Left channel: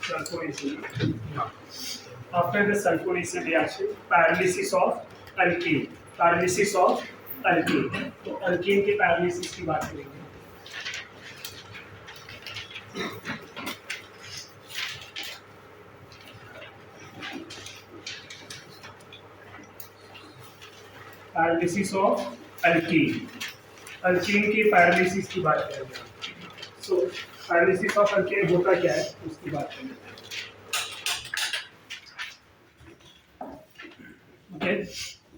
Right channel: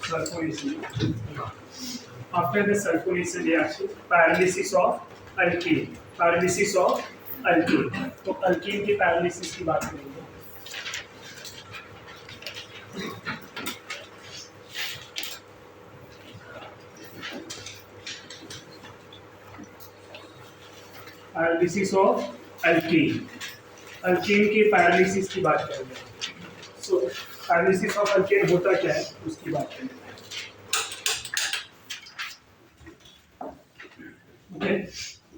Sulfonation. After the sulfonation reaction, paralysis of alkene. Paralysis of alkene. तो alkene के paralysis की बात करेंगे. Paralysis of alkyne. अल्कीन की पैरालिसिस की बात करेंगे. सो पैरालिसिस ऑफ अल्कीन होता क्या है उसकी बात करेंगे. ओके,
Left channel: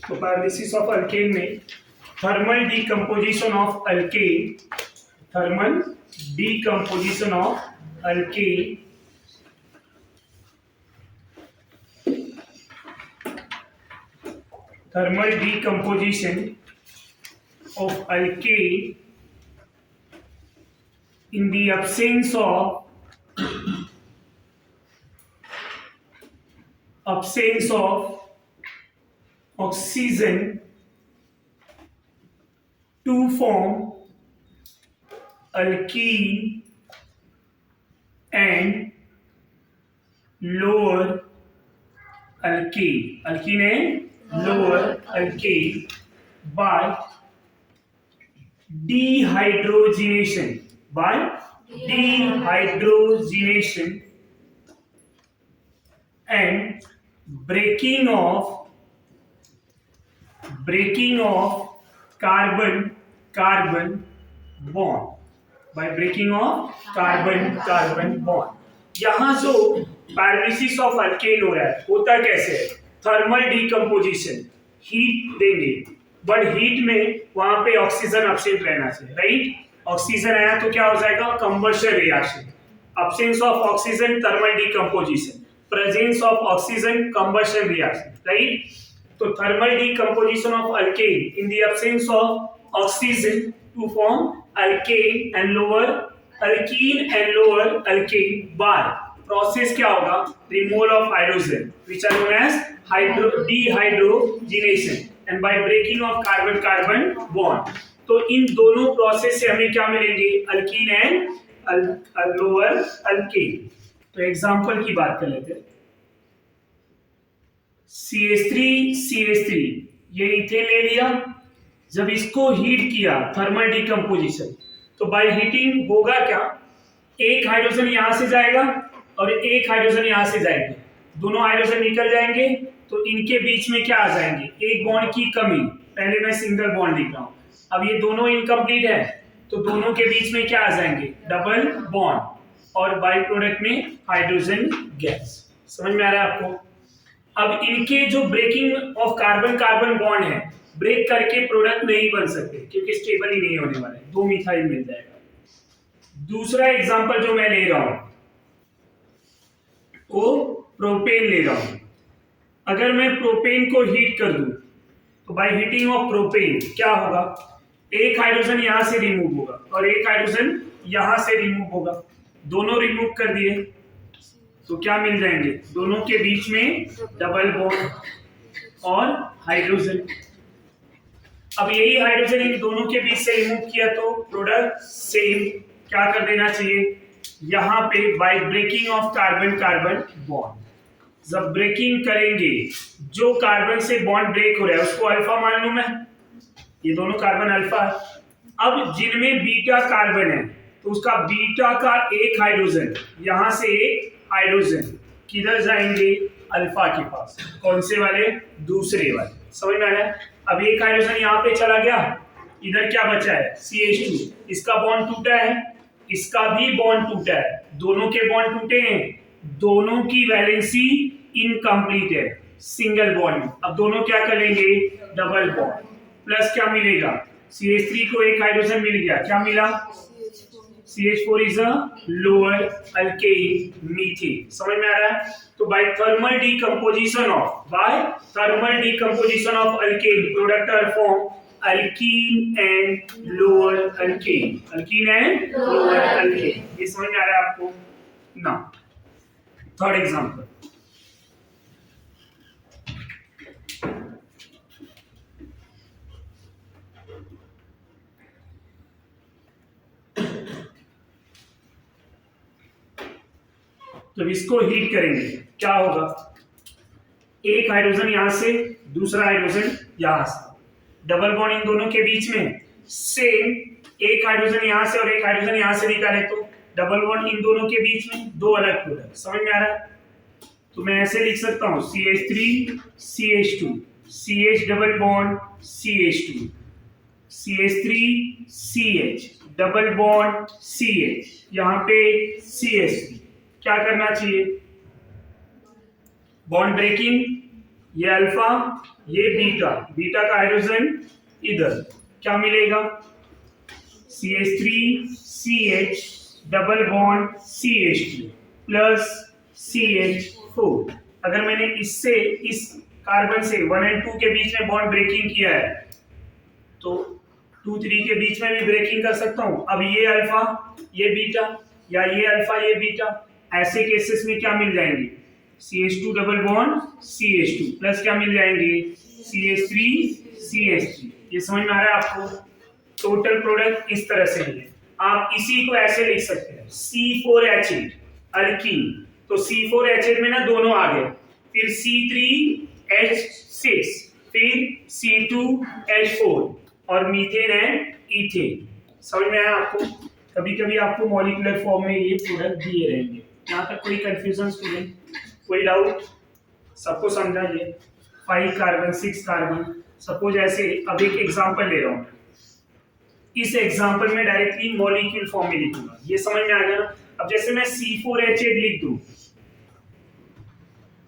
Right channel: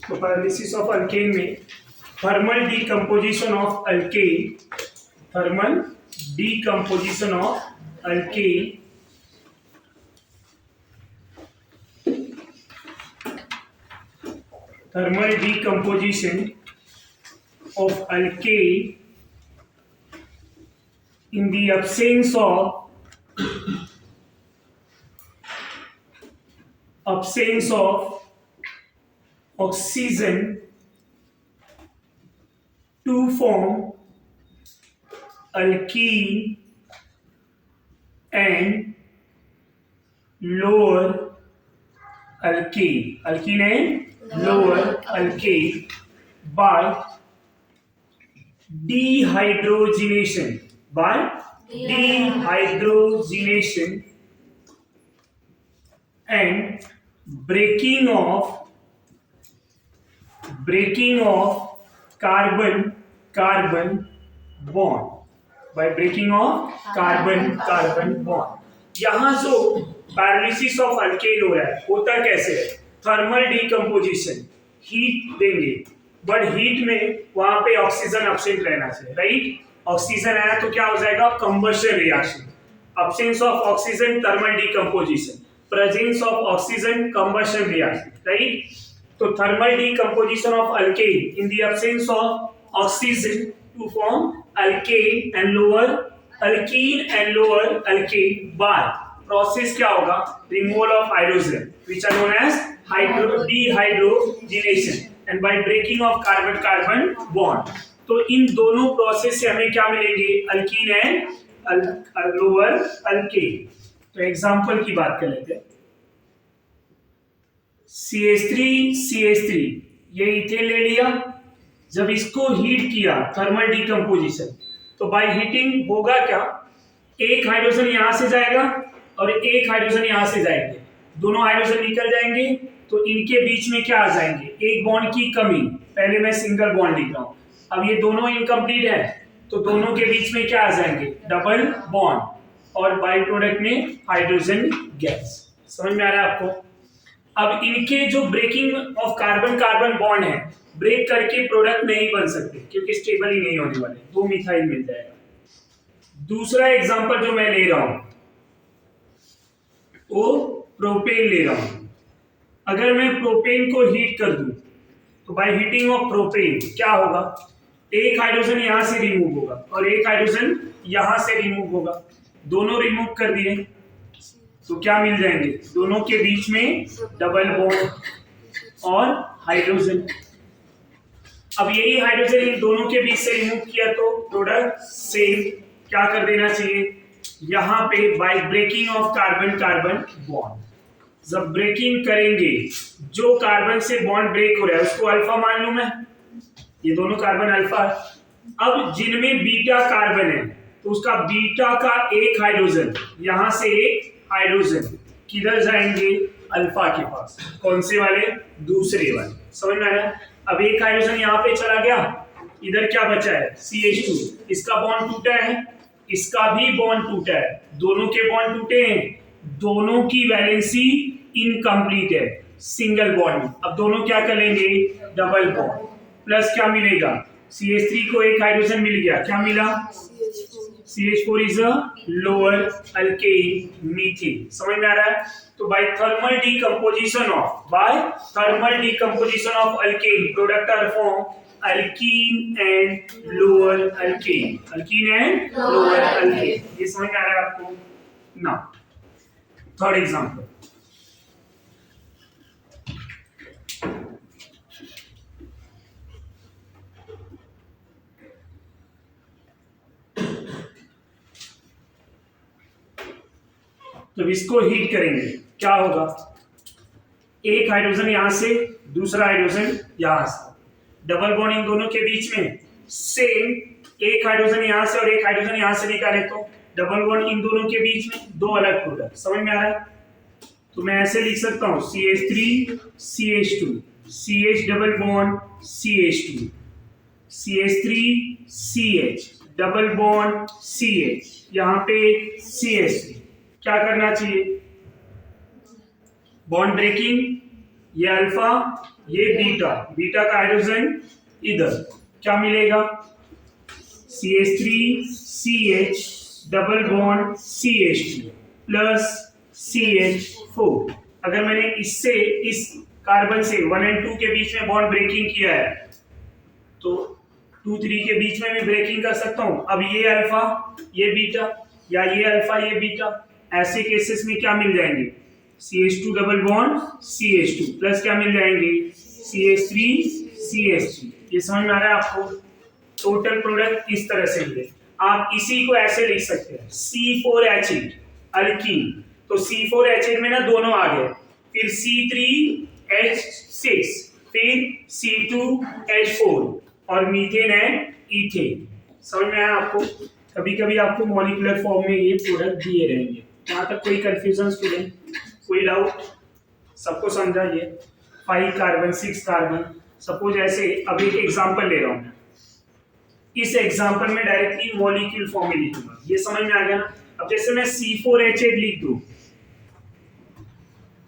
तो पैरालिसिस ऑफ अल्कीन में thermal decomposition of alkyne, thermal decomposition of alkyne thermal decomposition of alkane in the absence of oxygen to form alkene and lower alkane. Alkene and lower alkane by dehydrogenation. By dehydrogenation and breaking of carbon bond. By breaking of carbon bond. यहाँ जो paralysis of alkane हो रहा है होता कैसे है? Thermal decomposition, heat देंगे, but heat में वहां पे ऑक्सीजन एब्सेंट रहना चाहिए, राइट? ऑक्सीजन है तो क्या हो जाएगा? Combustion reaction. Absence of oxygen thermal decomposition, presence of oxygen combustion reaction, right? तो thermal decomposition of alkane in the absence of oxygen to form alkane and lower alkene and lower alkane by process क्या होगा? Removal of hydrogen which are known as dehydrogenation and by breaking of carbon bond. तो इन दोनों process से हमें क्या मिलेंगे? Alkyne and lower alkane. तो example की बात कर लेते हैं. CH3 ये इथेन ले लिया. जब इसको हीट किया थर्मल डीकंपोजिशन, तो बाय हीटिंग होगा क्या? एक हाइड्रोजन यहां से जाएगा और एक हाइड्रोजन यहां से जाएंगे, दोनों हाइड्रोजन निकल जाएंगे, तो इनके बीच में क्या आ जाएंगे? एक बॉन्ड की कमी. पहले मैं सिंगल बॉन्ड लिख रहा हूं. अब ये दोनों इनकम्प्लीट है तो दोनों के बीच में क्या आ जाएंगे? डबल बॉन्ड और बाई प्रोडक्ट में हाइड्रोजन गैस. समझ में आ रहा है आपको? अब इनके जो ब्रेकिंग ऑफ कार्बन बॉन्ड है, ब्रेक करके प्रोडक्ट नहीं बन सकते क्योंकि स्टेबल ही नहीं होने वाले. दो मिथाइल मिल जाएगा. दूसरा एग्जांपल जो मैं ले रहा हूं वो प्रोपेन ले रहा हूं. अगर मैं प्रोपेन को हीट कर दूं तो बाय हीटिंग ऑफ प्रोपेन क्या होगा? एक हाइड्रोजन यहां से रिमूव होगा और एक हाइड्रोजन यहां से रिमूव होगा. दोनों रिमूव कर दिए तो क्या मिल जाएंगे? दोनों के बीच में डबल बॉन्ड और हाइड्रोजन. अब यही हाइड्रोजन इन दोनों के बीच से रिमूव किया तो प्रोडक्ट सेम. क्या कर देना चाहिए? यहां पे by breaking of carbon bond. जब ब्रेकिंग करेंगे जो कार्बन से बॉन्ड ब्रेक हो रहा है उसको अल्फा मान लूं मैं. ये दोनों कार्बन अल्फा है. अब जिनमें बीटा कार्बन है तो उसका बीटा का एक हाइड्रोजन यहां से एक हाइड्रोजन किधर जाएंगे? अल्फा के पास. कौन से वाले? दूसरे वाले. समझ में आ रहा है? अब एक हाइड्रोजन यहां पे चला गया, इधर क्या बचा है? CH2. इसका बॉन्ड टूटा है, इसका भी बॉन्ड टूटा है, दोनों के बॉन्ड टूटे हैं, दोनों की वैलेंसी इनकम्प्लीट है, सिंगल बॉन्ड. अब दोनों क्या करेंगे? Double bond. प्लस क्या मिलेगा? CH3 को एक हाइड्रोजन मिल गया. क्या मिला? CH4 is a lower alkane methane. समझ में आ रहा है? तो by thermal decomposition of alkane product are form alkene and lower alkane. ये समझ में आ रहा है आपको? ना. Third example. तो इसको हीट करेंगे, क्या होगा, एक हाइड्रोजन यहां से, दूसरा हाइड्रोजन यहां से, डबल बॉन्ड इन दोनों के बीच में, सेम एक हाइड्रोजन यहां से और एक हाइड्रोजन यहां से निकाले तो डबल बॉन्ड इन दोनों के बीच में, दो अलग प्रोडक्ट, समझ में आ रहा है। तो मैं ऐसे लिख सकता हूं CH3 CH2, CH double bond CH2, CH3 CH double bond CH, यहां पे CH3, क्या करना चाहिए, बॉन्ड ब्रेकिंग, ये अल्फा ये बीटा, बीटा का हाइड्रोजन इधर, क्या मिलेगा CH3 CH double bond CH2 plus CH4। अगर मैंने इससे इस कार्बन से 1 और 2 के बीच में बॉन्ड ब्रेकिंग किया है तो 2 3 के बीच में भी ब्रेकिंग कर सकता हूं। अब ये अल्फा ये बीटा या ये अल्फा ये बीटा, ऐसे केसेस में क्या मिल जाएंगे, CH2 double bond CH2 plus क्या मिल जाएंगे CH3 CH3। ये समझ में आ रहा है आपको, टोटल प्रोडक्ट इस तरह से मिले। आप इसी को ऐसे लिख सकते हैं C4H8 अल्कीन, तो C4H8 में ना दोनों आ गए, फिर C3H6, फिर C2H4 और मीथेन है इथेन। समझ में आया आपको, कभी कभी आपको मॉलिक्यूलर फॉर्म में ये प्रोडक्ट दिए रहेंगे। यहाँ तक कोई कंफ्यूजन स्टूडेंट, कोई डाउट, सबको समझा ये 5 कार्बन 6 कार्बन। सपोज ऐसे अब एक एग्जांपल ले रहा हूं, इस एग्जांपल में डायरेक्टली मॉलिक्यूल फॉर्म में लिखूंगा, ये समझ में आ गया ना। अब जैसे मैं C4H8 लिख दूं,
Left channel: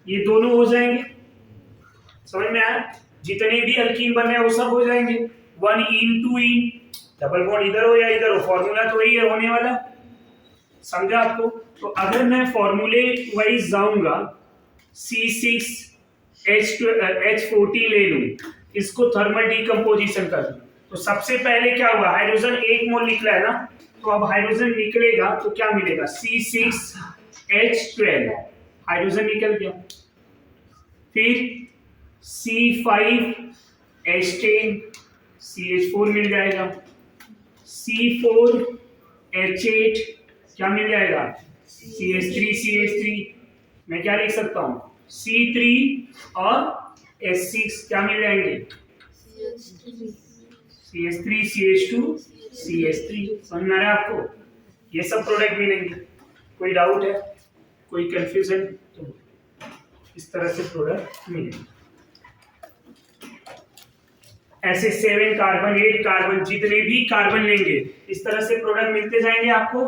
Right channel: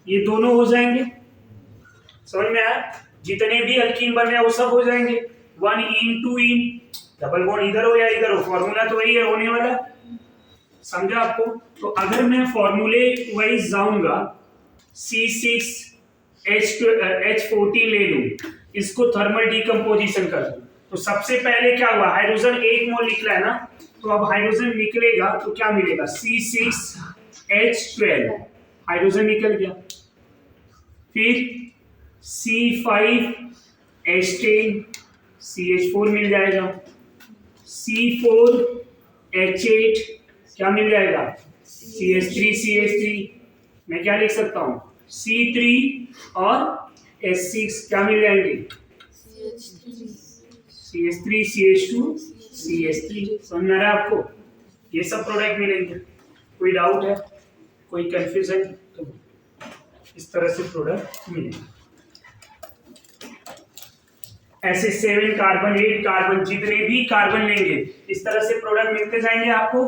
ये दोनों हो जाएंगे, समझ में आया, जितने भी अल्कीन बन रहे हैं वो सब हो जाएंगे, 1 इन 2 इन, डबल बॉन्ड इधर हो या इधर हो, फॉर्मूला तो वही है होने वाला, समझा आपको। तो अगर मैं फॉर्मूले वाइज जाऊंगा, C6H14 ले लूं, इसको थर्मल डिकम्पोजिशन कर दूं, तो सबसे पहले क्या हुआ, हाइड्रोजन 1 मोल निकला है ना, तो अब हाइड्रोजन निकलेगा तो क्या मिलेगा C6H12, हाइड्रोजन निकल गया, फिर C5H10 CH4 मिल जाएगा, C4H8 क्या मिल जाएगा CH3 CH3, मैं क्या लिख सकता हूं C3 और H6 क्या मिल जाएंगे CH3 CH2 CH3। समझ में आ रहा है आपको, ये सब प्रोडक्ट मिलेंगे। कोई डाउट है, कोई कंफ्यूजन, तो इस तरह से प्रोडक्ट मिलेंगे। ऐसे 7 कार्बन 8 कार्बन जितने भी कार्बन लेंगे इस तरह से प्रोडक्ट मिलते जाएंगे आपको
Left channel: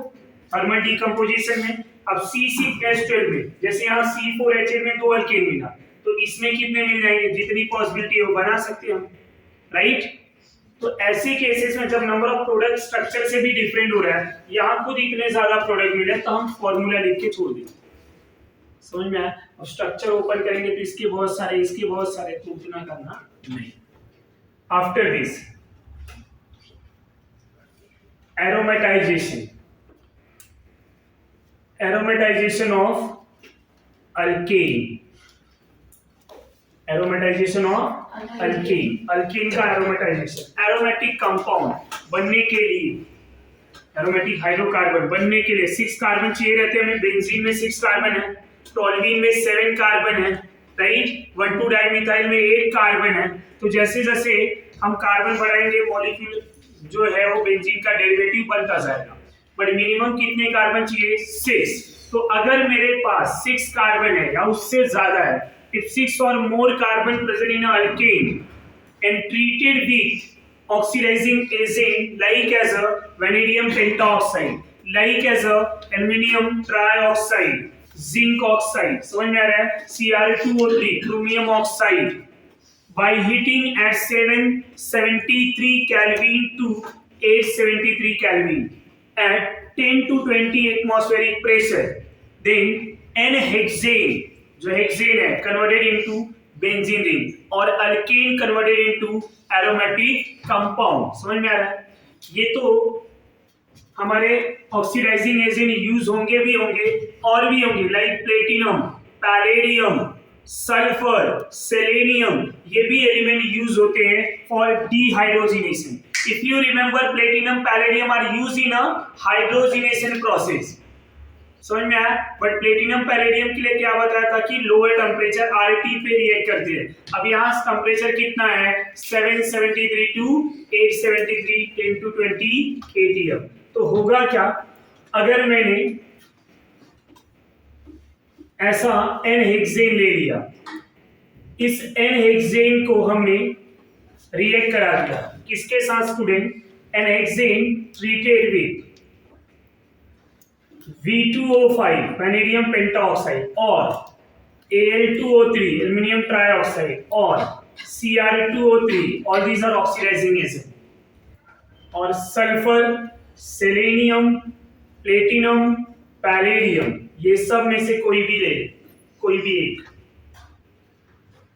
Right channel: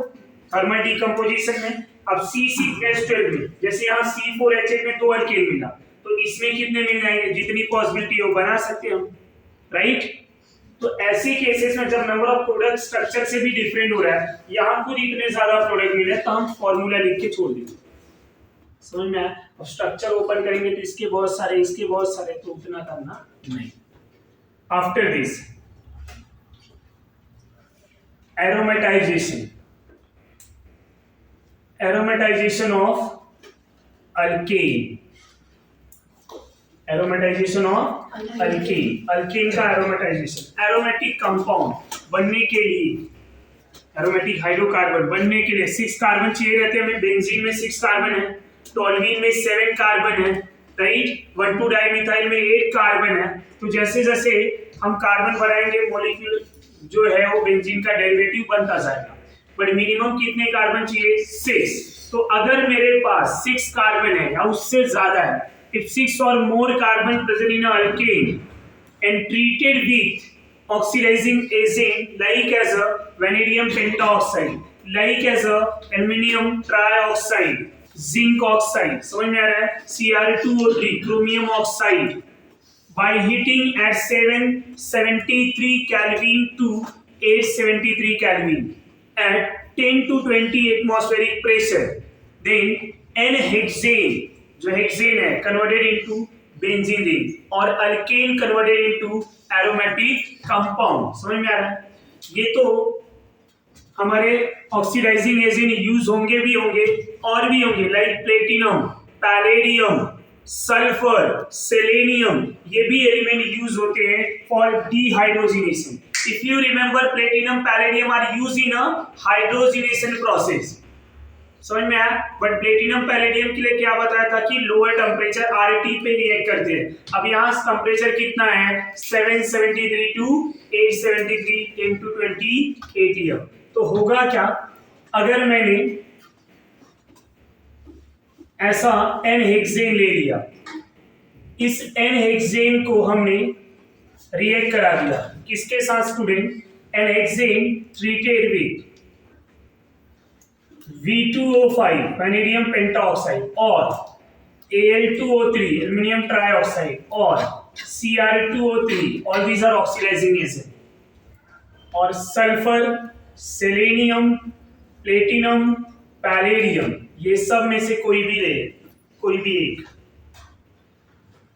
थर्मल डिकम्पोजिशन में। अब C6H12 में जैसे यहाँ C4H8 में 2 अल्केन मिला, तो इसमें कितने मिल जाएंगे, जितनी पॉसिबिलिटी हो बना सकते हैं हम, राइट। तो ऐसे केसेस में जब नंबर ऑफ प्रोडक्ट स्ट्रक्चर से भी डिफरेंट हो रहा है, यहाँ खुद इतने ज्यादा प्रोडक्ट मिले तो हम फॉर्मूला लिख के छोड़ देंगे, समझ में आया। अब स्ट्रक्चर ओपन करेंगे तो इसके बहुत सारे इसके बहुत सारे, तो उतना करना नहीं। After this aromatization of alkane, alkane का एरोमेटाइजेशन, एरोमेटिक कंपाउंड बनने के लिए, एरोमेटिक हाइड्रोकार्बन बनने के लिए 6 कार्बन चाहिए रहते हैं हमें। बेंजीन में 6 कार्बन है, टोल्यूइन में 7 कार्बन है, राइट। 1,2 डाइमिथाइल में 8 कार्बन है। तो जैसे जैसे हम कार्बन बढ़ाएंगे मॉलिक्यूल जो है वो बेंजीन का डेरिवेटिव बनता जाएगा, बट मिनिमम कितने कार्बन चाहिए 6। तो अगर मेरे पास 6 कार्बन है या उससे ज्यादा है, if 6 or more carbon present in an alkane and treated with oxidizing agent like as a vanadium pentaoxide, like as a aluminium trioxide, zinc oxide, समझ में आ रहा है, Cr2O3 chromium oxide, by heating at 773 Kelvin to 873 Kelvin at 10 to 20 atmospheric pressure, then N-hexane जो hexane है converted into benzene ring और alkane converted into aromatic compound. समझ में आ रहा है, ये तो हमारे ऑक्सीडाइजिंग एजेंट यूज होंगे भी होंगे और भी होंगे, like platinum, palladium, sulphur, selenium, ये भी एलिमेंट यूज होते हैं for dehydrogenation. If you remember, platinum palladium are used in a hydrogenation process, समझ में आया। बट प्लेटिनम पैलेडियम के लिए क्या बताया था कि लोअर टेम्परेचर RT पे रिएक्ट करते हैं। अब यहाँ टेम्परेचर कितना है 773 टू 873 10 to 20 ATM। तो होगा क्या अगर मैंने ऐसा n-हेक्सेन ले लिया, इस n-हेक्सेन को हमने रिएक्ट करा दिया किसके साथ स्टूडेंट, n-हेक्सेन treated with V2O5 vanadium pentoxide और Al2O3 एल्युमिनियम ट्राइऑक्साइड और Cr2O3 all these are oxidising agent, और सल्फर, सेलेनियम, प्लेटिनम, पैलेडियम, ये सब में से कोई भी ले, कोई भी एक,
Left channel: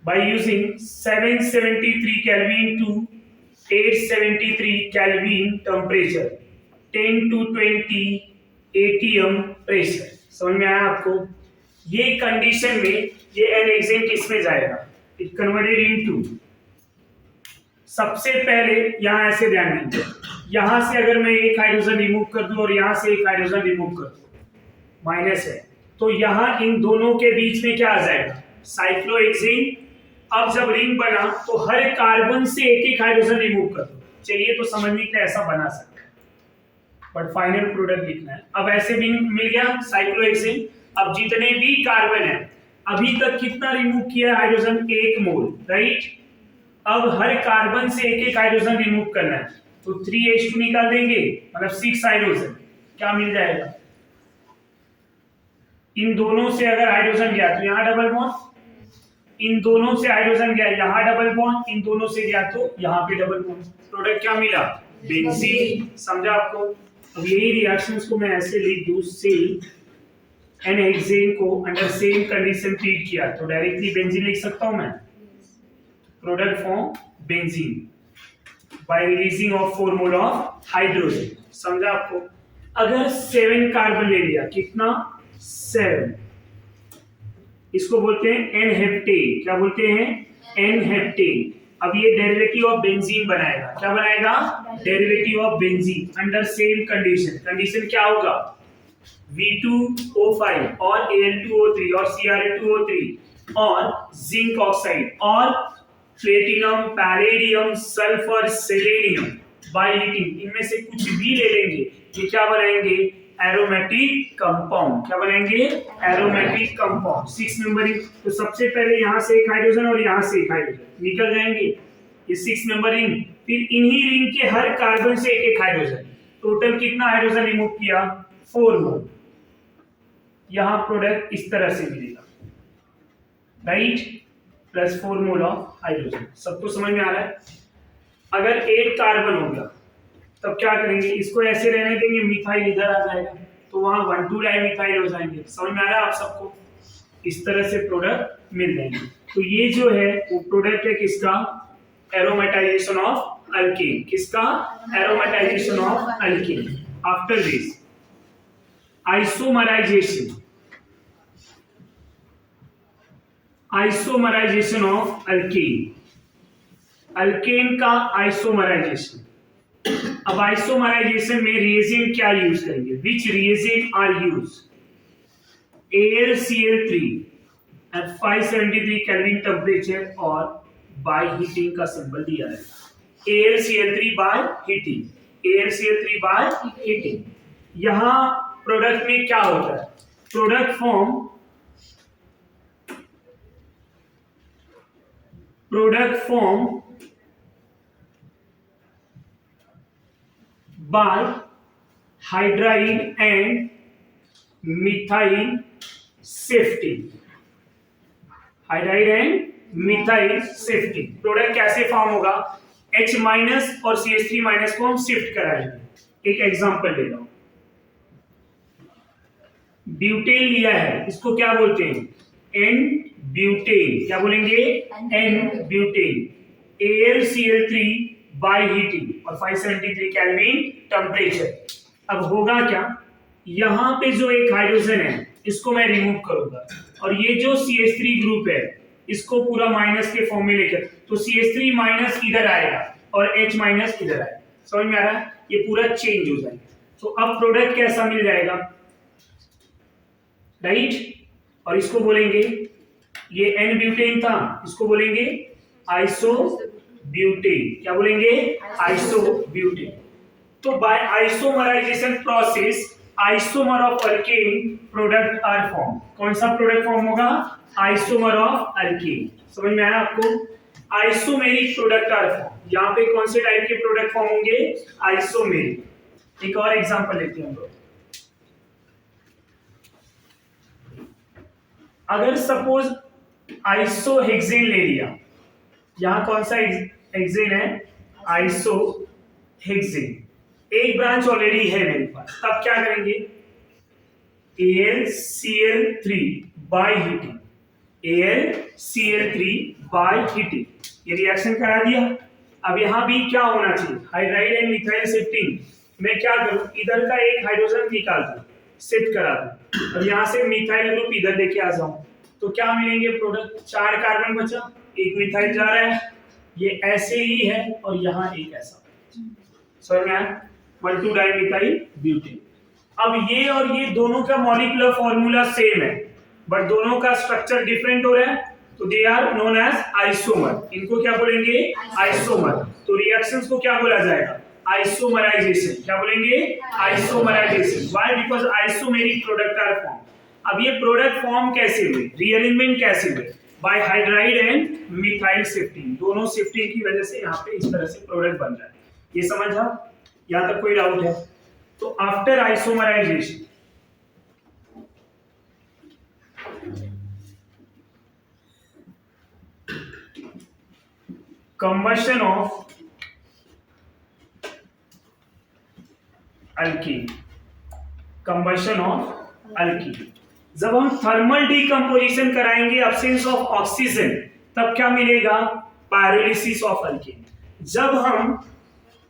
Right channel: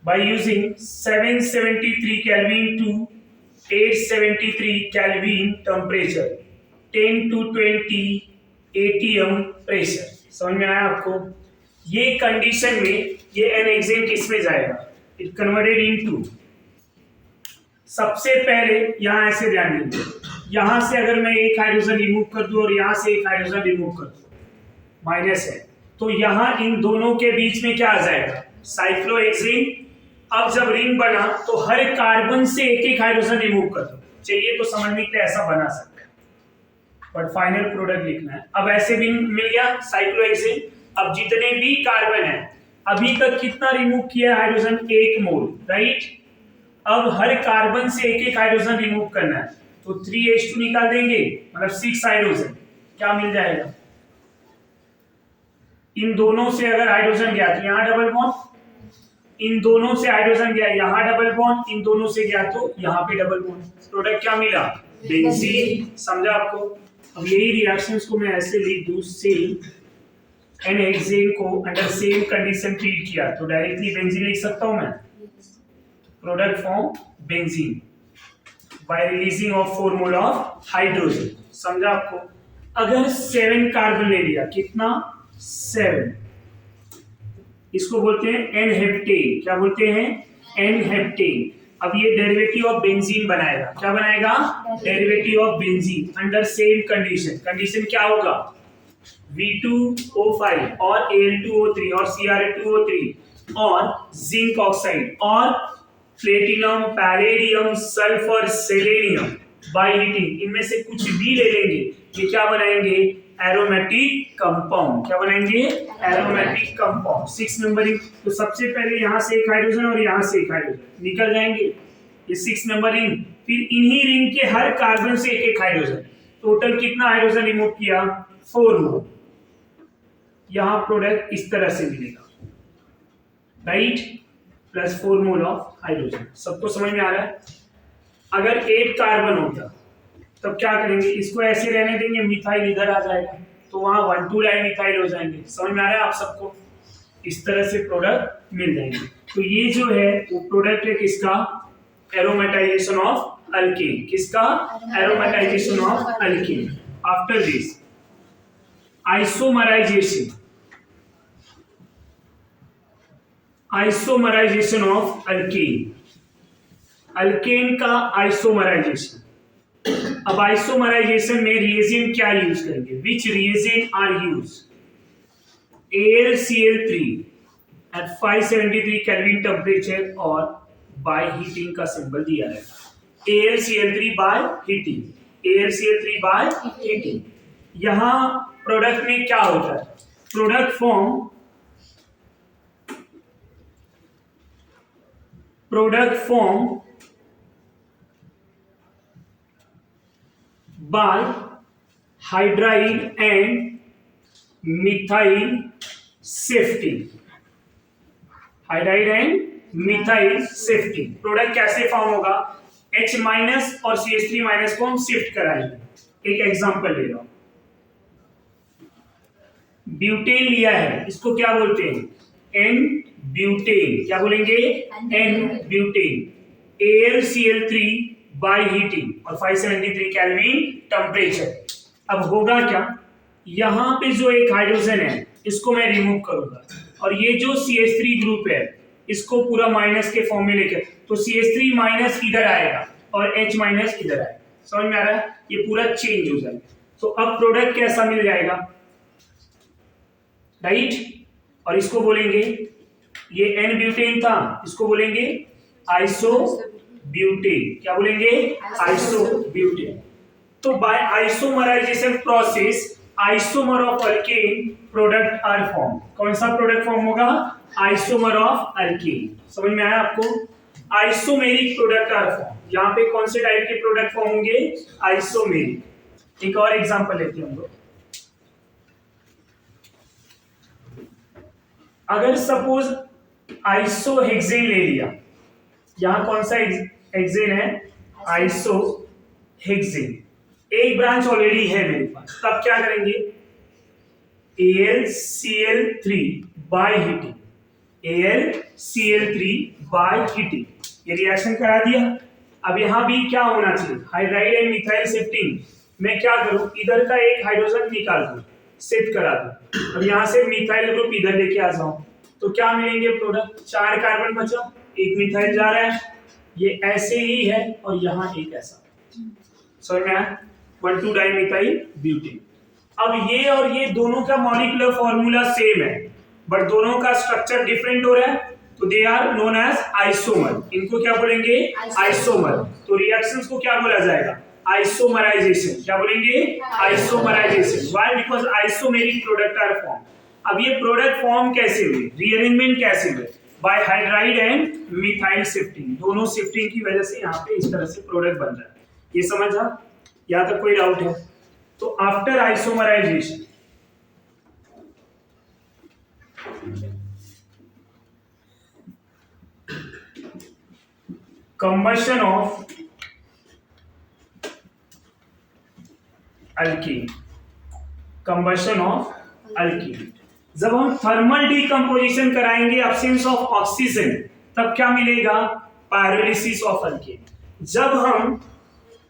by using 773 Kelvin to 873 Kelvin temperature 10 to 20 ATM pressure. समझ में आया आपको। ये कंडीशन में ये n-हेक्सेन किस में जाएगा, इट कन्वर्टेड इनटू, सबसे पहले यहां ऐसे ध्यान दीजिए, यहां से अगर मैं एक हाइड्रोजन रिमूव कर दूं और यहां से एक हाइड्रोजन रिमूव कर दूं, माइनस है, तो यहां इन दोनों के बीच में क्या आ जाएगा साइक्लोहेक्सेन। अब जब रिंग बना तो हर कार्बन से एक एक हाइड्रोजन रिमूव कर दो, चाहिए तो समझने के लिए ऐसा बना सकते हैं, बट फाइनल प्रोडक्ट लिखना है। अब ऐसे भी मिल गया साइक्लोहेक्सेन। अब जितने भी कार्बन है अभी तक कितना रिमूव किया हाइड्रोजन, 1 मोल, राइट। अब हर कार्बन से एक एक हाइड्रोजन रिमूव करना है, तो 3H2 निकाल देंगे, मतलब 6 हाइड्रोजन, क्या मिल जाएगा, इन दोनों से अगर हाइड्रोजन गया तो यहाँ डबल बॉन्ड, इन दोनों से हाइड्रोजन गया यहाँ डबल बॉन्ड, इन दोनों से गया तो यहाँ पे डबल बॉन्ड, प्रोडक्ट क्या मिला, बेंजीन। समझा आपको। अब यही रिएक्शंस को मैं ऐसे लिख दूं, सेम n-हेक्सेन को अंडर सेम कंडीशन ट्रीट किया तो डायरेक्टली बेंजीन लिख सकता हूं मैं, product form benzene bye releasing of 4 mole of hydrogen. समझा आपको। अगर 7 कार्बन ले लिया, कितना 7, इसको बोलते हैं n-हेप्टेन। क्या बोलते हैं, n-हेप्टेन। अब ये डेरिवेटिव ऑफ बेंजीन बनाएगा, क्या बनाएगा, derivative of benzene under same condition. Condition क्या होगा, V2O5 और Al2O3 और Cr2O3 और जिंक ऑक्साइड और platinum, palladium, sulphur, selenium by heating, इनमें से कुछ भी ले लेंगे, ये क्या बनाएंगे, एरोमेटिक कंपाउंड। क्या बनाएंगे, एरोमेटिक कंपाउंड। 6 मेंबरिंग। तो सबसे पहले यहां से एक हाइड्रोजन और यहां से एक हाइड्रोजन निकल जाएंगे, ये 6 मेंबर रिंग। फिर इन्हीं रिंग के हर कार्बन से एक एक हाइड्रोजन, टोटल कितना हाइड्रोजन रिमूव किया, 4 मोल। यहां प्रोडक्ट इस तरह से मिलेगा, right, plus 4 mole of hydrogen. सबको समझ में आ रहा है। अगर 8 कार्बन हो गया तब क्या करेंगे, इसको ऐसे रहने देंगे, मिथाइल इधर आ जाएगा, तो वहां 1,2 डाइमिथाइल हो जाएंगे। समझ में आ रहा है आप सबको। इस तरह से प्रोडक्ट मिल जाएंगे। तो ये जो है वो प्रोडक्ट है किसका, एरोमेटाइजेशन ऑफ अल्केन। किसका, aromatisation of alkane. After this isomerisation, isomerisation of alkane, alkane का आइसोमराइजेशन। अब आइसोमराइजेशन में रिएजेंट क्या यूज करेंगे, which reagent are use, AlCl3 at 573 kelvin temperature और बाय हीटिंग का सिंबल दिया है, AlCl3 by heating, AlCl3 by heating. यहां प्रोडक्ट में क्या होता है, product form by hydryl and methyl shifting, hydryl and methyl shifting। Product कैसे फॉर्म होगा, H- और CH3- को हम शिफ्ट कराएंगे। एक एग्जांपल ले लो, ब्यूटेन लिया है, इसको क्या बोलते हैं, N-ब्यूटेन। क्या बोलेंगे, N-ब्यूटेन। AlCl3 बाय हीटिंग और 573 केल्विन टेम्परेचर। अब होगा क्या, यहां पे जो एक हाइड्रोजन है इसको मैं रिमूव करूंगा और ये जो CH3 ग्रुप है इसको पूरा माइनस के फॉर्म में लेकर, तो CH3- इधर आएगा और H- इधर आएगा। समझ में आ रहा है, ये पूरा चेंज हो जाएगा। तो अब प्रोडक्ट कैसा मिल जाएगा, राइट, और इसको बोलेंगे, ये एन ब्यूटेन था, इसको बोलेंगे आइसोब्यूटेन। क्या बोलेंगे? आइसोब्यूटेन। तो by isomerisation process isomer of alkane product are form. कौन सा प्रोडक्ट फॉर्म होगा? Isomer of alkane. समझ में आया आपको? Isomeric product are form. यहाँ पे कौन से टाइप के प्रोडक्ट फॉर्म होंगे? आइसोमेरिक। एक और एग्जांपल लेते हैं हम लोग। अगर सपोज आइसोहेक्सेन ले लिया, यहां कौन सा हेक्सेन है? आइसोहेक्सेन। एक ब्रांच ऑलरेडी है मेरे पास, तब क्या करेंगे? AlCl3 by heating, AlCl3 by heating, ये रिएक्शन करा दिया। अब यहां भी क्या होना चाहिए? Hydride and methyl shifting. मैं क्या करूं? इधर का एक हाइड्रोजन निकाल दूं, शिफ्ट करा दूं, और यहां से मिथाइल ग्रुप इधर लेके आ जाऊं, तो क्या मिलेंगे प्रोडक्ट? 4 कार्बन बचा, एक मिथाइल जा रहा है, ये ऐसे ही है, और यहां एक ऐसा। समझ में आया? 1,2 डाइमिथाइल ब्यूटेन। अब ये और ये दोनों का मॉलिक्यूलर फॉर्मूला सेम है, बट दोनों का स्ट्रक्चर डिफरेंट हो रहा है, तो they are known as isomer. इनको क्या बोलेंगे? आइसोमर। तो रिएक्शंस को क्या बोला जाएगा? आइसोमराइजेशन। क्या बोलेंगे? Isomerisation. Why? Because isomeric product are form. अब ये प्रोडक्ट फॉर्म कैसे हुए? रीअरेंजमेंट कैसे हुए? By hydride and methyl shifting. दोनों शिफ्टिंग की वजह से यहाँ पे इस तरह से प्रोडक्ट बन रहा है। ये समझा? यहाँ तक कोई डाउट है? तो after isomerisation combustion of alkene, combustion of alkene। जब हम थर्मल डिकम्पोजिशन कराएंगे एब्सेंस ऑफ ऑक्सीजन, तब क्या मिलेगा? Pyrolysis of alkane. जब हम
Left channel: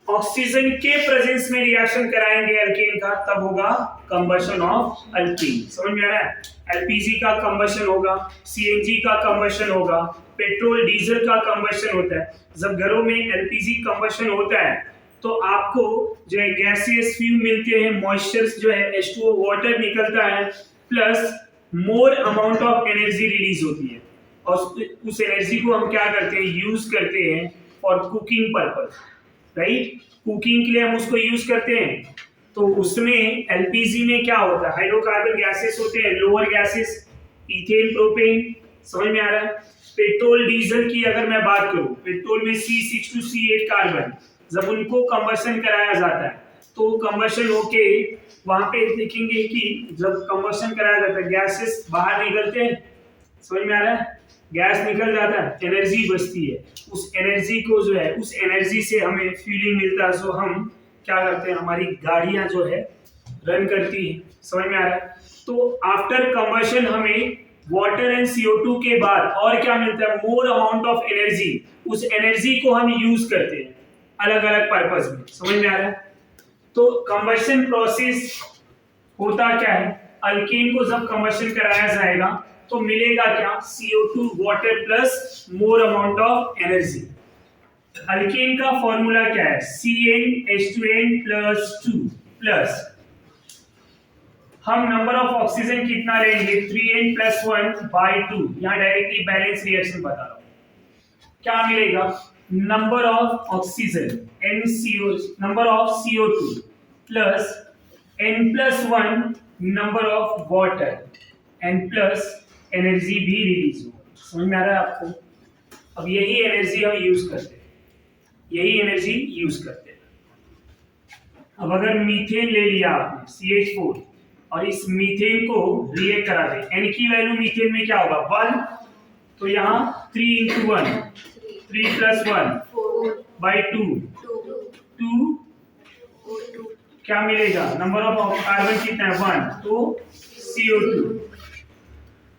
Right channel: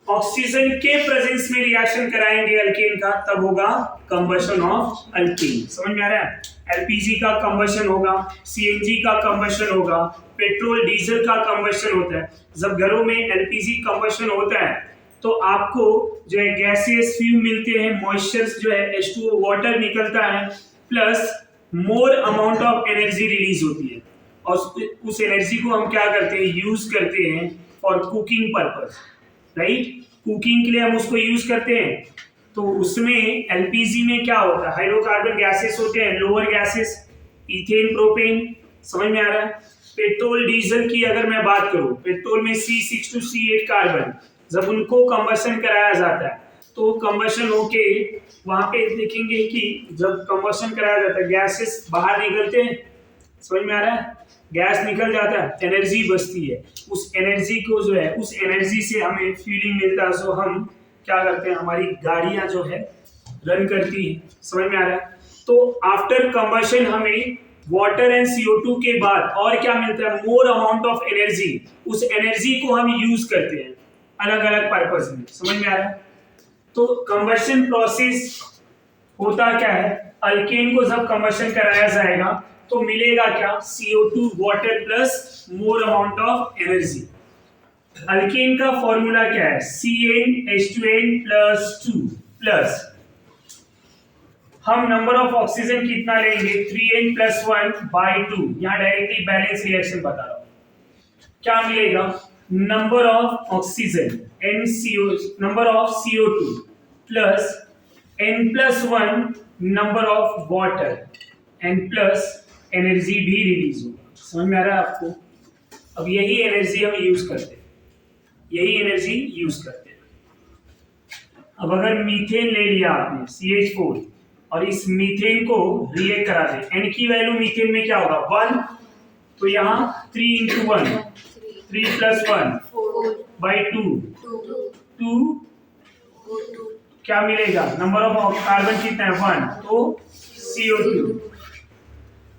ऑक्सीजन के प्रेजेंस में रिएक्शन कराएंगे अल्केन का, तब होगा कंबशन ऑफ अल्केन। समझ में आ रहा है? एलपीजी का कंबशन होगा, सीएनजी का कंबशन होगा, पेट्रोल डीजल का कंबशन होता है। जब घरों में एलपीजी कंबशन होता है, तो आपको जो है गैसियस फ्यूम मिलते हैं, मॉइस्चर्स जो है H2O वाटर निकलता है, plus more amount of energy release होती है, और उस एनर्जी को हम क्या करते हैं? यूज करते हैं for cooking purpose, right? Cooking के लिए हम उसको यूज करते हैं। तो उसमें एलपीजी में क्या होता है? हाइड्रोकार्बन गैसेस होते हैं, लोअर गैसेस, इथेन, प्रोपेन। समझ में आ रहा है? पेट्रोल डीजल की अगर मैं बात करूं, पेट्रोल में C6 to C8 कार्बन, जब उनको कंबशन कराया जाता है, तो कंबशन होके वहां पे देखेंगे कि जब कंबशन कराया जाता है, गैसेस बाहर निकलते हैं। समझ में आ रहा है? गैस निकल जाता है, एनर्जी बचती है। उस एनर्जी को जो है, उस एनर्जी से हमें फ्यूलिंग मिलता है, सो हम क्या करते हैं? हमारी गाड़ियां जो है रन करती है। समझ में आ रहा है? तो आफ्टर कंबशन हमें वाटर एंड CO2 के बाद और क्या मिलता है? मोर अमाउंट ऑफ एनर्जी। उस एनर्जी को हम यूज करते हैं अलग अलग पर्पस में। समझ में आ रहा है? तो कंबशन प्रोसेस होता क्या है? अल्केन को जब कंबशन कराया जाएगा, तो मिलेगा क्या? CO2 water plus more amount of energy. Alkane का फॉर्मूला क्या है? CnH2n+2 प्लस, हम नंबर ऑफ ऑक्सीजन कितना लेंगे? 3n+1/2। यहां डायरेक्टली बैलेंस रिएक्शन बता रहा हूं। क्या मिलेगा? Number of oxygen NCO, number of CO2 plus n+1 number of water, n plus energy भी रिलीज होगा। समझ में आ रहा है आपको? अब यही एनर्जी हम यूज करते हैं, यही एनर्जी यूज करते हैं। अब अगर मीथेन ले लिया आपने CH4, और इस मीथेन को रिएक्ट करा दे, n की वैल्यू मीथेन में क्या होगा? 1, तो यहाँ 3 × 1, 3 + 1/2, 2, क्या मिलेगा? नंबर ऑफ कार्बन कितना है? 1, तो CO2,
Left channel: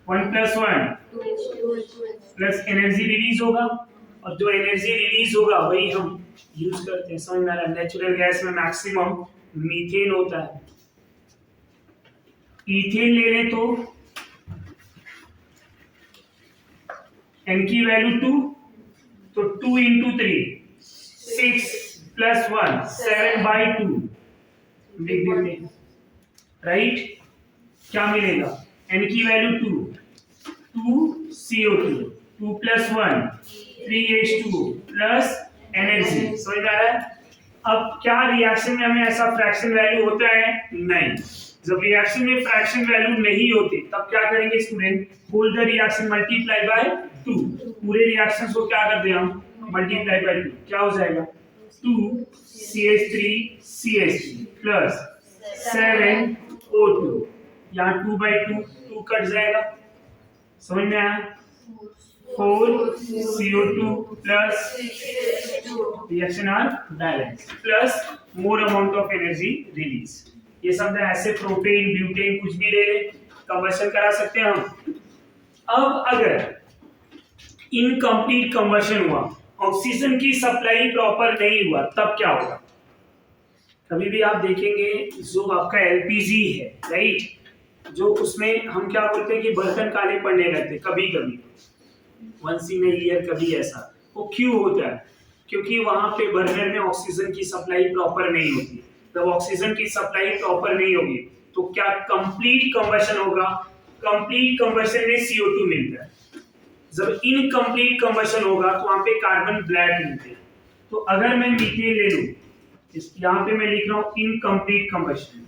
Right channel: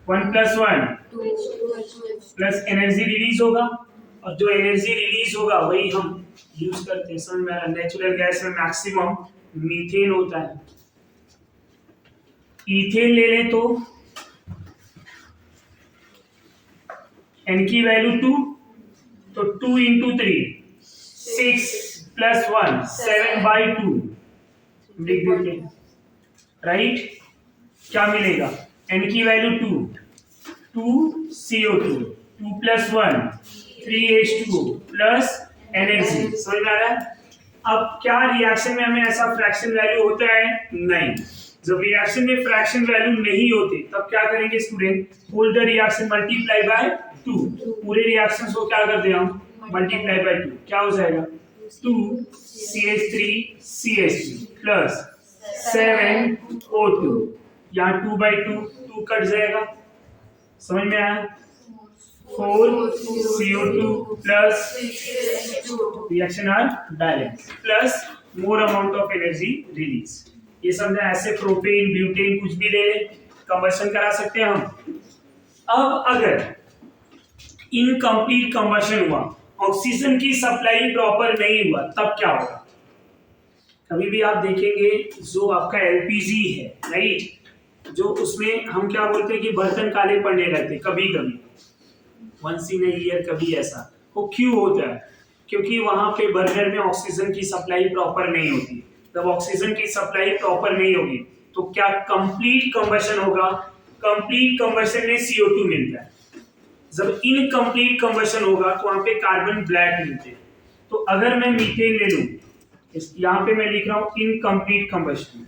1 + 1 प्लस एनर्जी रिलीज होगा, और जो एनर्जी रिलीज होगा वही हम यूज करते हैं। समझ में आ रहा है? नेचुरल गैस में मैक्सिमम मीथेन होता है। इथेन ले लें तो n की वैल्यू 2, तो 2 × 3 6 + 1 7/2 लिख देते हैं, राइट? क्या मिलेगा? n की value 2 CO2 2 + 1 3H2O plus NH3। समझ में आ रहा है? अब क्या रिएक्शन में हमें ऐसा फ्रैक्शन वैल्यू होता है? नहीं। जब रिएक्शन में फ्रैक्शन वैल्यू नहीं होती तब क्या करेंगे student? Whole the reaction multiply by 2। पूरे रिएक्शंस को क्या करते हैं हम? Multiply by 2। क्या हो जाएगा? 2 CH3 CH3 प्लस 7O2। यहाँ 2/2 कट जाएगा। समझ में आया? 4 CO2 plus reaction are balance plus more amount of energy release. ये समझा? ऐसे प्रोपेन ब्यूटेन कुछ भी ले ले, कंबशन करा सकते हैं हम। अब अगर इनकम्प्लीट कंबशन हुआ, ऑक्सीजन की सप्लाई प्रॉपर नहीं हुआ, तब क्या होगा? कभी भी आप देखेंगे जो आपका एलपीजी है, राइट, जो उसमें हम क्या बोलते हैं कि बर्तन काले पड़ने लगते कभी कभी, वंस इन ईयर कभी ऐसा। वो क्यों होता है? क्योंकि वहां पे बर्नर में ऑक्सीजन की सप्लाई प्रॉपर नहीं होती। जब ऑक्सीजन की सप्लाई प्रॉपर नहीं होगी तो क्या कंप्लीट कंबशन होगा? कंप्लीट कंबशन में CO2 मिलता है। जब इनकम्प्लीट कंबशन होगा तो वहां पे कार्बन ब्लैक मिलते हैं। तो अगर मैं मीथेन ले लूं, यहाँ पे मैं लिख रहा हूं इनकम्प्लीट कंबशन।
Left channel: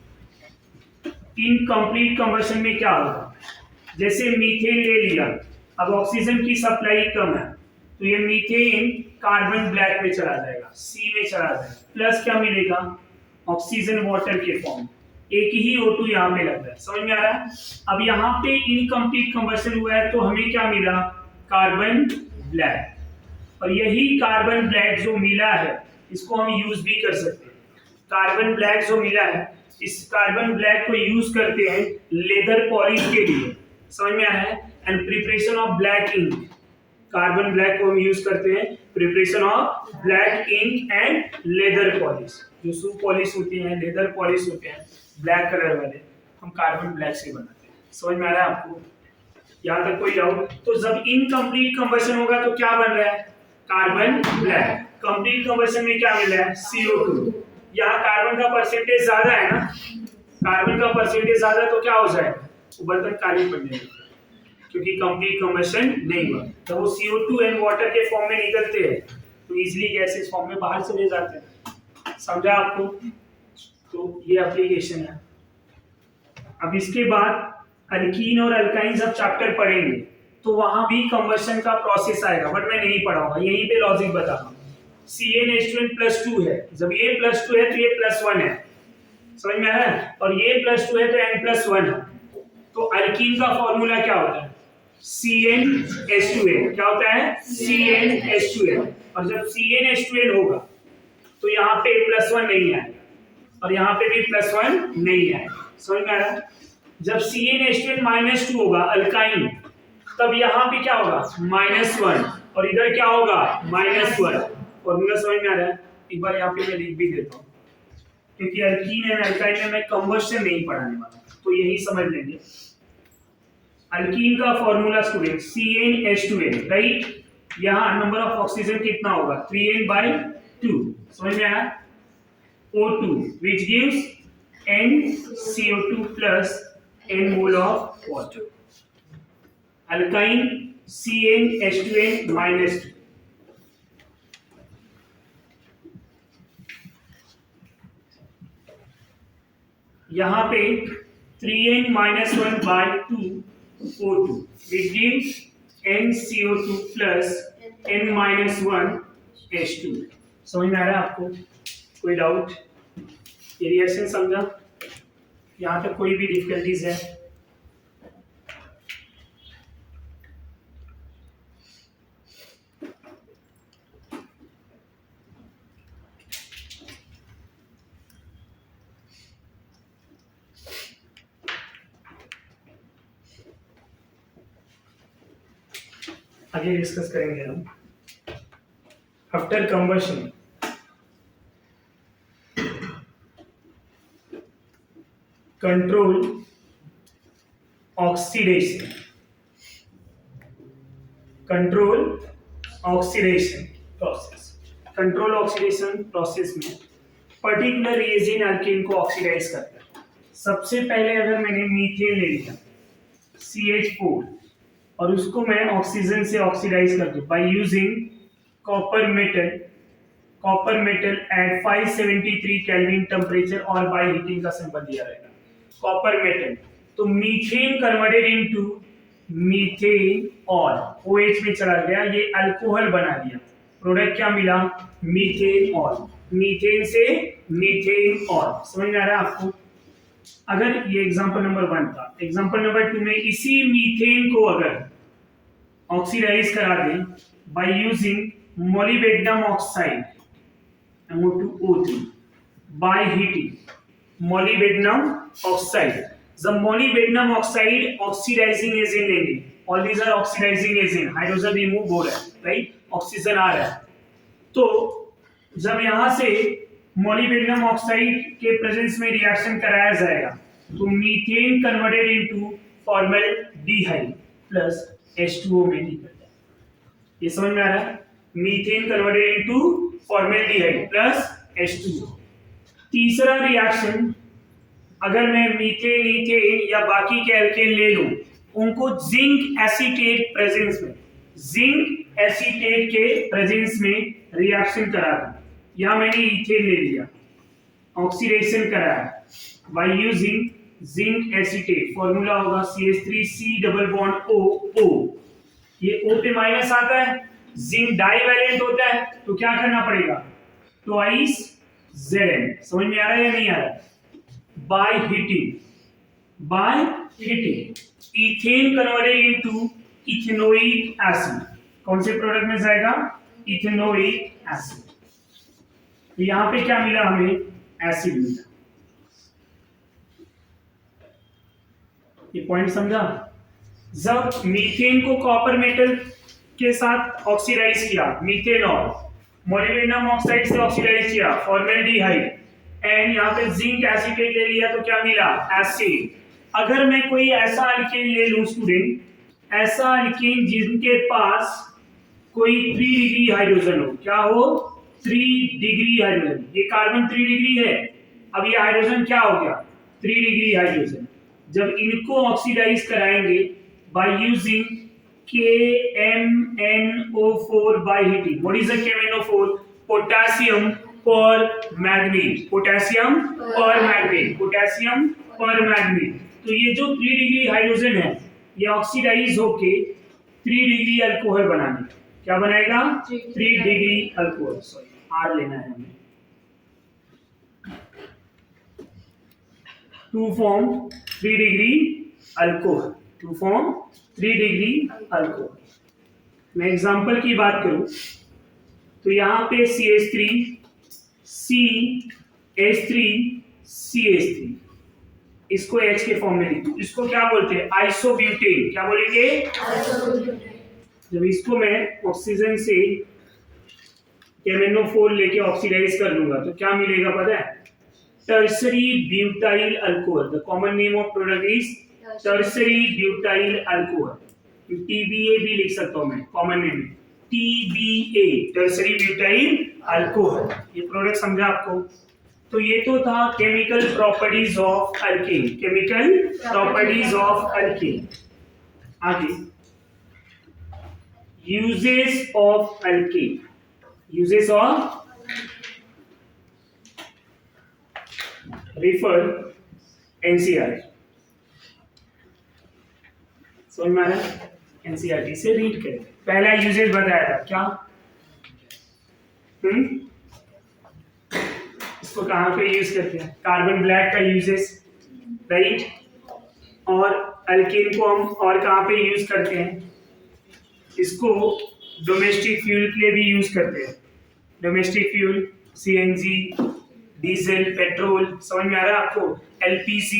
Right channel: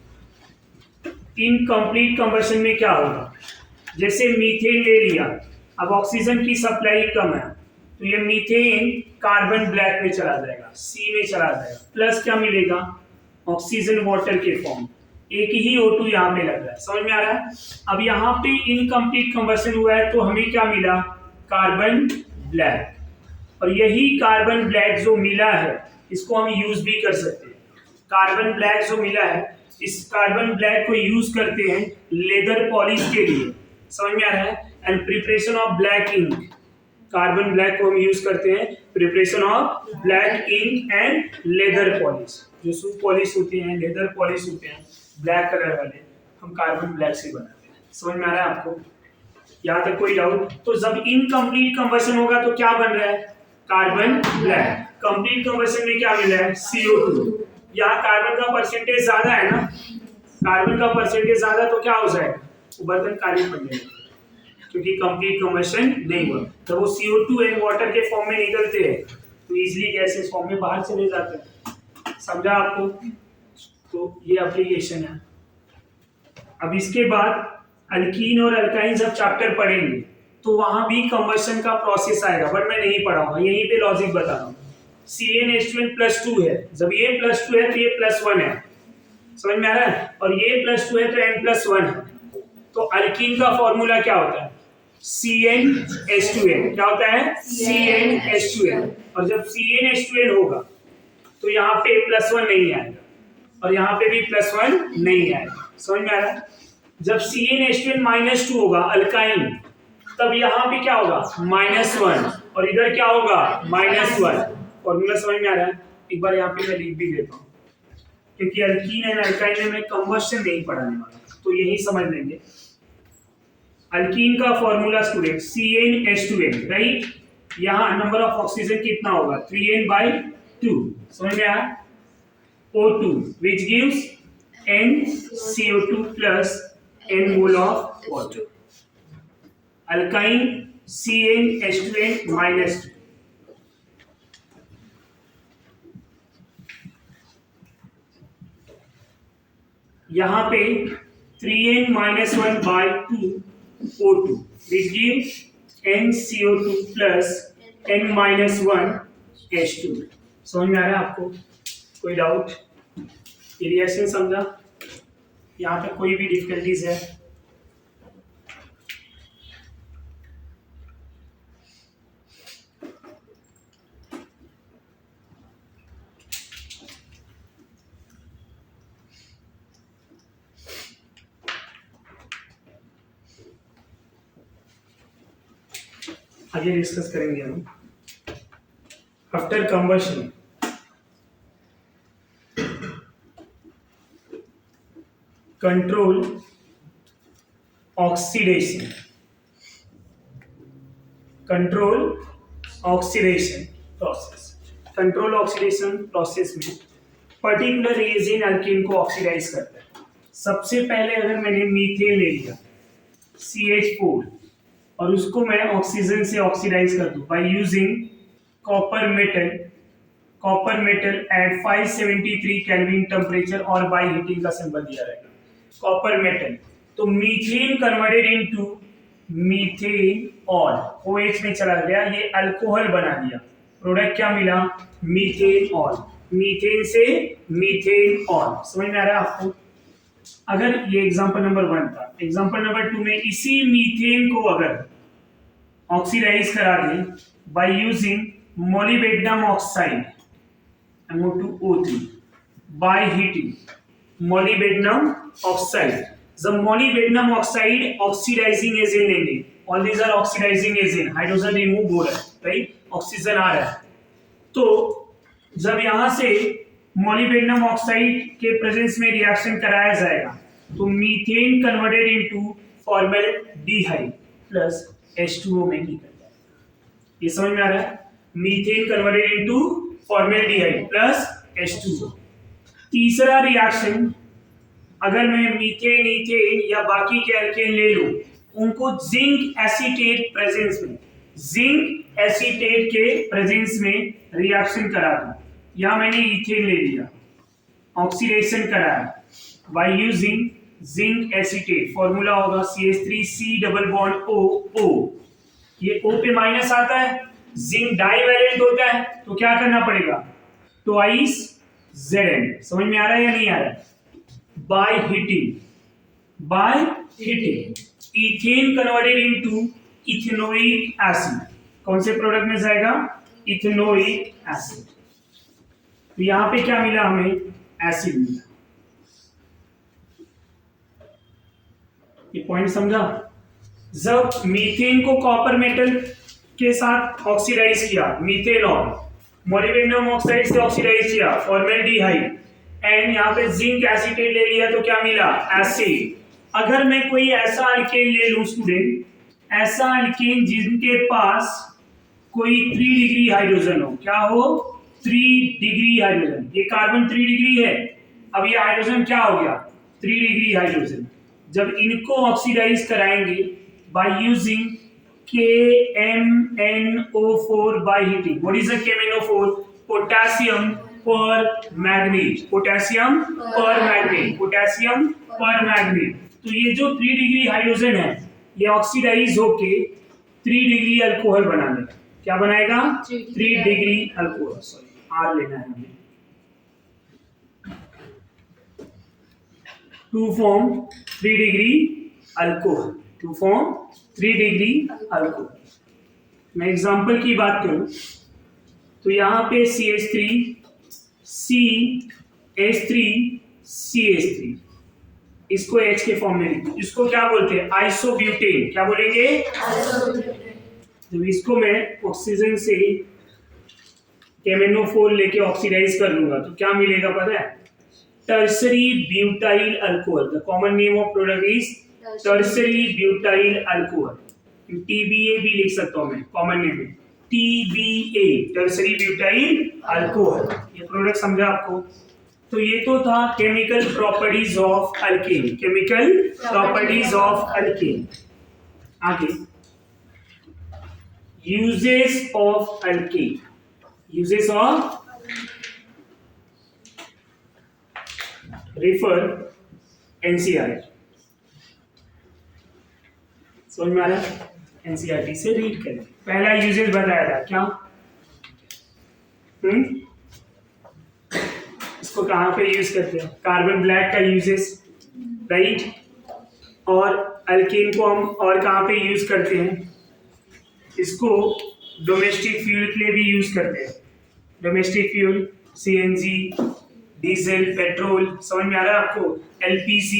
इनकम्प्लीट कंबशन में क्या होगा? जैसे मीथेन ले लिया, अब ऑक्सीजन की सप्लाई कम है तो ये मीथेन कार्बन ब्लैक में चला जाएगा, C में चला जाएगा। प्लस क्या मिलेगा? ऑक्सीजन वाटर के फॉर्म, एक ही O2 यहाँ में लग रहा है। समझ में आ रहा है? अब यहाँ पे इनकम्प्लीट कंबशन हुआ है तो हमें क्या मिला? Carbon black. और यही कार्बन ब्लैक जो मिला है इसको हम यूज भी कर सकते हैं। कार्बन ब्लैक जो मिला है, इस कार्बन ब्लैक को यूज करते हैं लेदर पॉलिश के लिए। समझ में आ रहा है? And preparation of black ink, carbon black को हम यूज करते हैं preparation of black ink and leather polish. जो शू पॉलिश होती है, लेदर पॉलिश होते हैं ब्लैक कलर वाले, हम कार्बन ब्लैक से बनाते हैं। समझ में आ रहा है आपको? यहाँ तक कोई डाउट? तो जब इनकम्प्लीट कंबशन होगा तो क्या बन रहा है? Carbon black. कंप्लीट कंबशन में क्या मिल रहा है? CO2। यहाँ कार्बन का परसेंटेज ज्यादा है ना, कार्बन का परसेंटेज ज्यादा तो क्या हो जाएगा? वो बर्तन काले पड़ने लगेंगे क्योंकि कंप्लीट कंबशन नहीं हुआ। तो वो CO2 एंड वाटर के फॉर्म में निकलते हैं तो इजीली गैसेस फॉर्म में बाहर चले जाते हैं। समझा आपको? तो ये एप्लीकेशन है। अब इसके बाद अल्कीन और अल्काइन जब चैप्टर पढ़ेंगे तो वहां भी कंबशन का प्रोसेस आएगा, बट मैं नहीं पढ़ाऊंगा, यहीं पे लॉजिक बता रहा हूँ। CnH2n +2 है, जब ये +2 है तो ये +1 है। समझ में आ रहा है? और ये +2 है तो n+1 है। तो अल्कीन का फॉर्मूला क्या होता है? CnH2n। क्या होता है? CnH2n। और जब CnH2n होगा तो यहाँ पे +1 नहीं आएगा और यहाँ पे भी +1 नहीं आएगा। समझ में आ रहा है? जब CnH2n -2 होगा अल्काइन, तब यहाँ पे क्या होगा? -1 और इधर क्या होगा? -1। फॉर्मूला समझ में आ रहा है? एक बार यहाँ पे मैं लिख भी देता हूँ क्योंकि अल्कीन एंड अल्काइन में मैं कंबशन नहीं पढ़ाने वाला, तो यही समझ लेंगे। अल्कीन का फॉर्मूला स्टूडेंट CnH2n, राइट? यहाँ नंबर ऑफ ऑक्सीजन कितना होगा? 3n/2। समझ में आया? O2 which gives NCO2 plus n mole of water. Alkyne CnH2n -2। यहाँ पे 3n-1/2 O2 which gives NCO2 plus n-1 H2। समझ में आ रहा है आपको? कोई डाउट? ये रिएक्शन समझा? यहाँ तक कोई भी डिफिकल्टीज है? आगे डिस्कस करेंगे हम after combustion control oxidation. Control oxidation process. Control oxidation process में पर्टिकुलर रिएजेंट अल्केन को ऑक्सीडाइज करता है। सबसे पहले अगर मैंने मीथेन ले लिया, CH4 और उसको मैं ऑक्सीजन से ऑक्सीडाइज कर दूं by using copper metal at 573 kelvin temperature और बाय हीटिंग का सिंबल दिया रहेगा कॉपर मेटल। तो मीथेन कन्वर्टेड इनटू मीथेन और OH में चला गया, ये अल्कोहल बना दिया। प्रोडक्ट क्या मिला? Methane oil. मीथेन से मीथेन ऑयल। समझ में आ रहा है आपको? अगर ये एग्जांपल नंबर 1 था, एग्जांपल नंबर 2 में इसी मीथेन को अगर ऑक्सीडाइज करा दें by using molybdenum oxide MO2O3 by heating molybdenum oxide. The molybdenum oxide oxidizing agent लेंगे, all these are oxidizing agent, hydrogen remove हो रहा है, राइट, ऑक्सीजन आ रहा है। तो जब यहाँ से मोलिब्डेनम ऑक्साइड के प्रेजेंस में रिएक्शन कराया जाएगा तो methane converted into formaldehyde plus H2O में निकल जाएगा। ये समझ में आ रहा है? Methane converted into formaldehyde plus H2O। तीसरा रिएक्शन, अगर मैं मीथेन, ईथेन या बाकी के एल्केन ले लूं, उनको जिंक एसीटेट के प्रेजेंस में रिएक्शन करा दूं। या मैंने ईथेन ले लिया, ऑक्सीडेशन कराया by using zinc acetate, formula होगा CH3C डबल बॉन्ड O। ये O पे माइनस आता है, जिंक डाइवैलेंट होता है, तो क्या करना पड़ेगा? Twice Zn। समझ में आ रहा है या नहीं आ रहा है? By heating ethane converted into ethanoic acid. कौन से प्रोडक्ट में जाएगा? Ethanoic acid. तो यहां पे क्या मिला हमें? एसिड मिला। ये पॉइंट समझा? जब मीथेन को कॉपर मेटल के साथ ऑक्सीडाइज किया, मीथेनॉल, मोलिब्डेनम ऑक्साइड से ऑक्सीडाइज किया फॉर्मल्डिहाइड, एंड यहाँ पे जिंक एसीटेट ले लिया, तो क्या मिला? एसिड। अगर मैं कोई ऐसा अल्केन ले लूं स्टूडेंट, ऐसा अल्केन जिनके पास कोई 3 डिग्री हाइड्रोजन हो, क्या हो? 3 डिग्री हाइड्रोजन। ये कार्बन 3 डिग्री है, अब ये हाइड्रोजन क्या हो गया? 3 डिग्री हाइड्रोजन। जब इनको ऑक्सीडाइज कराएंगे by using KMnO4 by heating. What is the KMnO4? Potassium permanganate. Potassium permanganate. तो ये जो 3 डिग्री हाइड्रोजन है, ये ऑक्सीडाइज होके 3 डिग्री अल्कोहल बनाने, क्या बनाएगा? 3 डिग्री अल्कोहल। सॉरी, R लेना है हमें। टू फॉर्म 3 डिग्री अल्कोहल, मैं एग्जांपल की बात करूं तो यहां पे CH3 CH3 इसको H के फॉर्म में लिखो। इसको क्या बोलते हैं? आइसोब्यूटेन। क्या बोलेंगे? जब इसको मैं ऑक्सीजन से KMnO4 लेके ऑक्सीडाइज कर लूंगा तो क्या मिलेगा पता है? Tertiary butyl alcohol. The common name of product is tertiary butyl alcohol. TBA भी लिख सकता हूं मैं, कॉमन नेम में TBA, टर्सरी ब्यूटाइल अल्कोहल। ये प्रोडक्ट समझा आपको? तो ये तो था केमिकल प्रॉपर्टीज ऑफ अल्केन। आगे uses of alkane, refer NCERT। समझ में आ रहा है? NCERT से रीड करें। पहला यूजेस बताया था क्या? इसको कहां पे यूज करते हैं? कार्बन ब्लैक का यूजेस, राइट। और अल्केन को हम और कहां पे यूज करते हैं? इसको डोमेस्टिक फ्यूल के लिए भी यूज करते हैं। Domestic fuel CNG, diesel, petrol, समझ में आ रहा है आपको? LPG,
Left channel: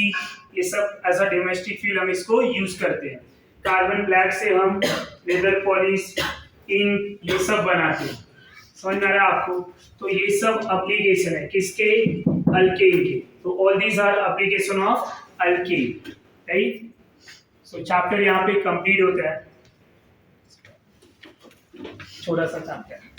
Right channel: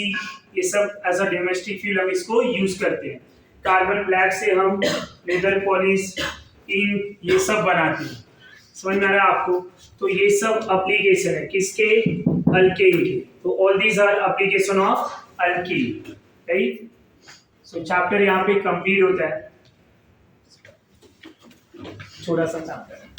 ये सब एज अ डोमेस्टिक फ्यूल हम इसको यूज करते हैं। कार्बन ब्लैक से हम लेदर पॉलिश, इंक, ये सब बनाते हैं। समझ में आ रहा है आपको? तो ये सब एप्लीकेशन है किसके? अल्केन के। तो all these are application of alkane, right. So chapter यहाँ पे कंप्लीट होता है, छोटा सा चैप्टर।